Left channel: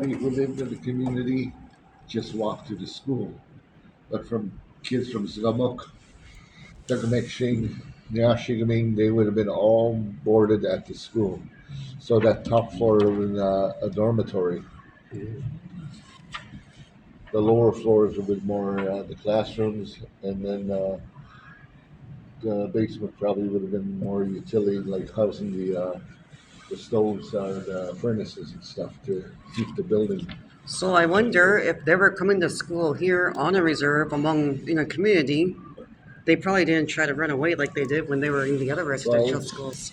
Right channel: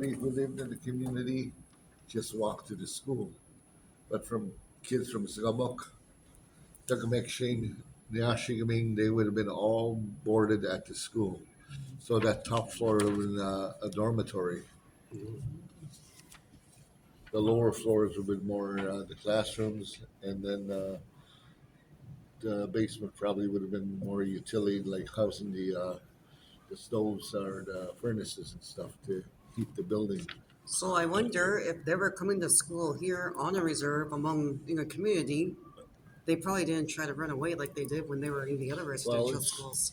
everybody who lived in the community just walked to the school. But from kids from Zagamuk, Tagamekshing, Nyashigaming, they would have been all boarded at the school. So that top floor was a dormitory. The lower floors would be more the classrooms, and then the basement probably would have been more utility, like housing the stoves or the furnaces and stuff to keep the building. So I wonder if they were coming to school here on a reserve among community, they probably didn't try to run away like they did when they were in the other Well, residential schools.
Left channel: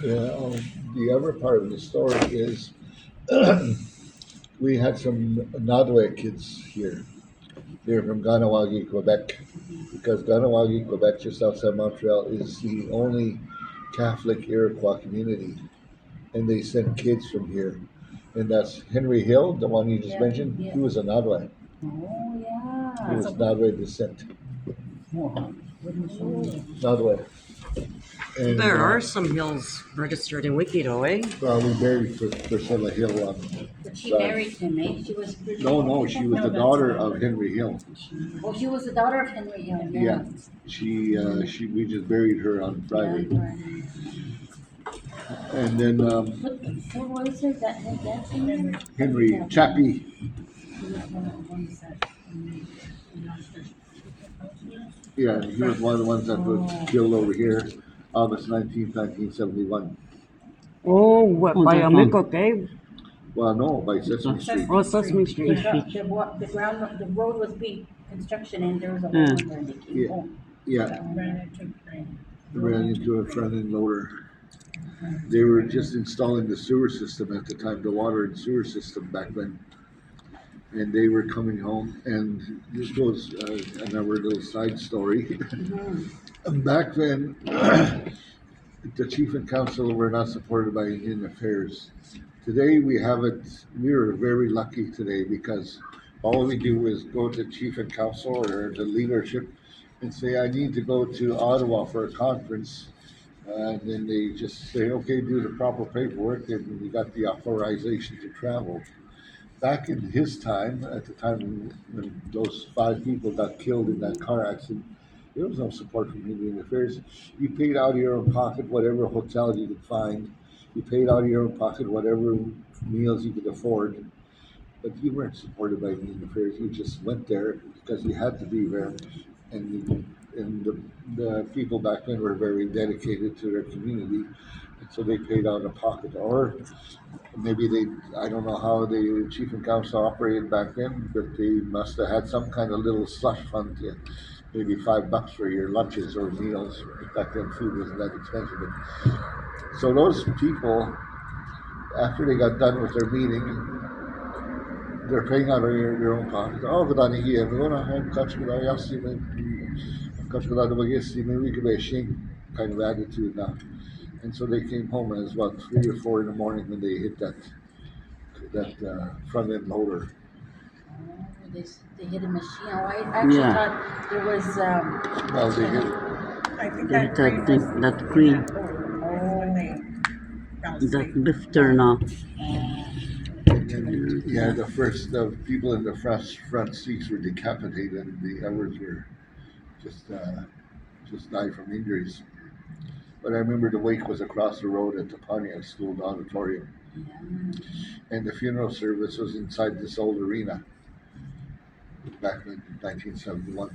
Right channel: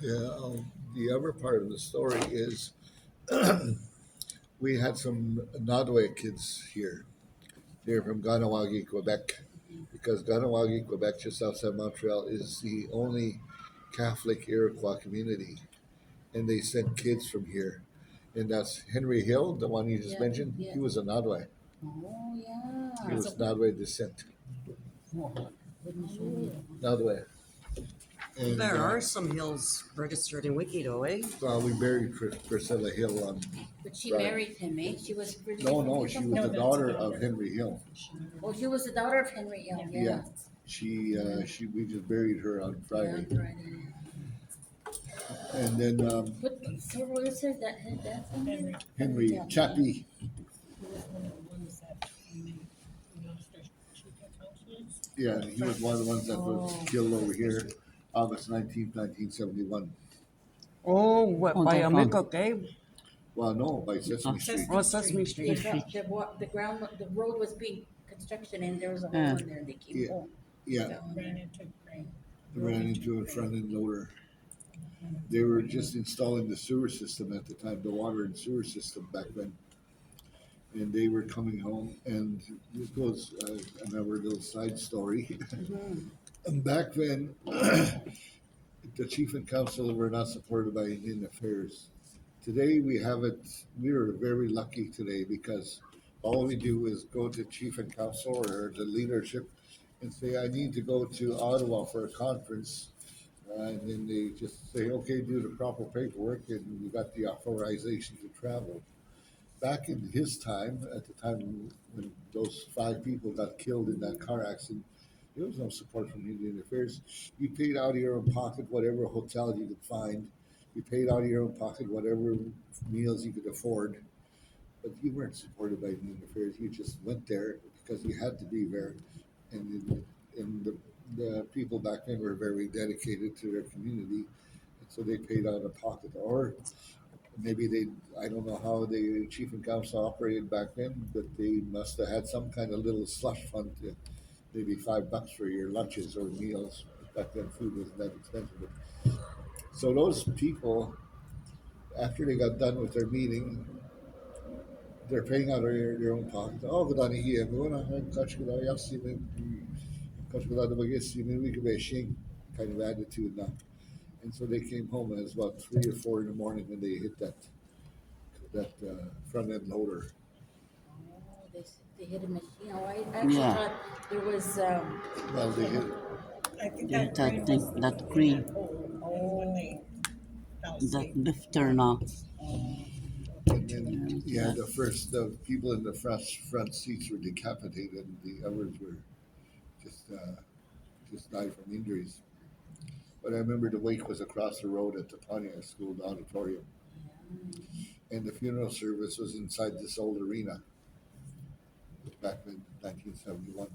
the other part of the story is we had some Nodaway kids here. They're from Ganawagi, Quebec, because Ganawagi, Quebec, just outside Montreal, is the only Catholic Iroquois community, and they sent kids from here. And that's Henry Hill, the one you just mentioned. Yeah. He was a Nodaway. Oh, He yeah. was Nodaway descent. Oh. Nodaway. And There are some hills registered in Wiki, though, eh? we buried Priscilla Hill on. But she married him, eh? She was. No, she was the daughter of Henry Hill. Oh, she was the daughter of Henry Hill. Yeah, we just buried her on Friday, and then What was her that name? Henry Chappie. Yeah, he was one of the ones that was killed over here, August 19th, 1971. Oh, what, Oh, by that a one. Mikok, eh? Well, no, by Sesame Street. Oh, Sesame Street. The road was being construction and there was a hole Yeah. in there and they came Yeah. home. Yeah, Um, ran into a front end loader. They were just installing the sewer system at the time, the water and sewer system back then. And they were coming home, and this goes another little side story. Back then, the chief and council were not supported by Indian Affairs. Today we have it. We are very lucky today because all we do is go to chief and council or the leadership and say, "I need to go to Ottawa for a conference," and then they just say, "Okay, do the proper paperwork," and we got the authorization to travel. Back in his time, at the time when those 5 people got killed in that car accident, there was no support from Indian Affairs. You paid out of your own pocket whatever hotel you could find. You paid out of your own pocket whatever meals you could afford. But you weren't supported by Indian Affairs. You just went there because you had to be there. And the people back then were very dedicated to their community. And so they paid out of pocket. Or maybe I don't know how the chief and council operated back then, but they must have had some kind of little slush fund to maybe $5 for your lunches or meals. Back then food wasn't that expensive. But, so those people, after they got done with their meeting, they're paying out of your own pocket. Oh, good on here. We're going to have catch with our yasi, catch with our bagasi, maybe we could be a shing kind of attitude now. And so they came home, and it was about 3 or 4 in the morning when they hit that front end loader. They hit a machine. Oh, I actually Yeah. thought there was. Well, they hit. I think That, that that, green thing, was that green, when they fell that asleep. lifter now. And, yeah, the people in the front seats were decapitated, and the others were just died from injuries. But I remember the wake was across the road at the Pontiac School auditorium, and the funeral service was inside this old arena back in 1971.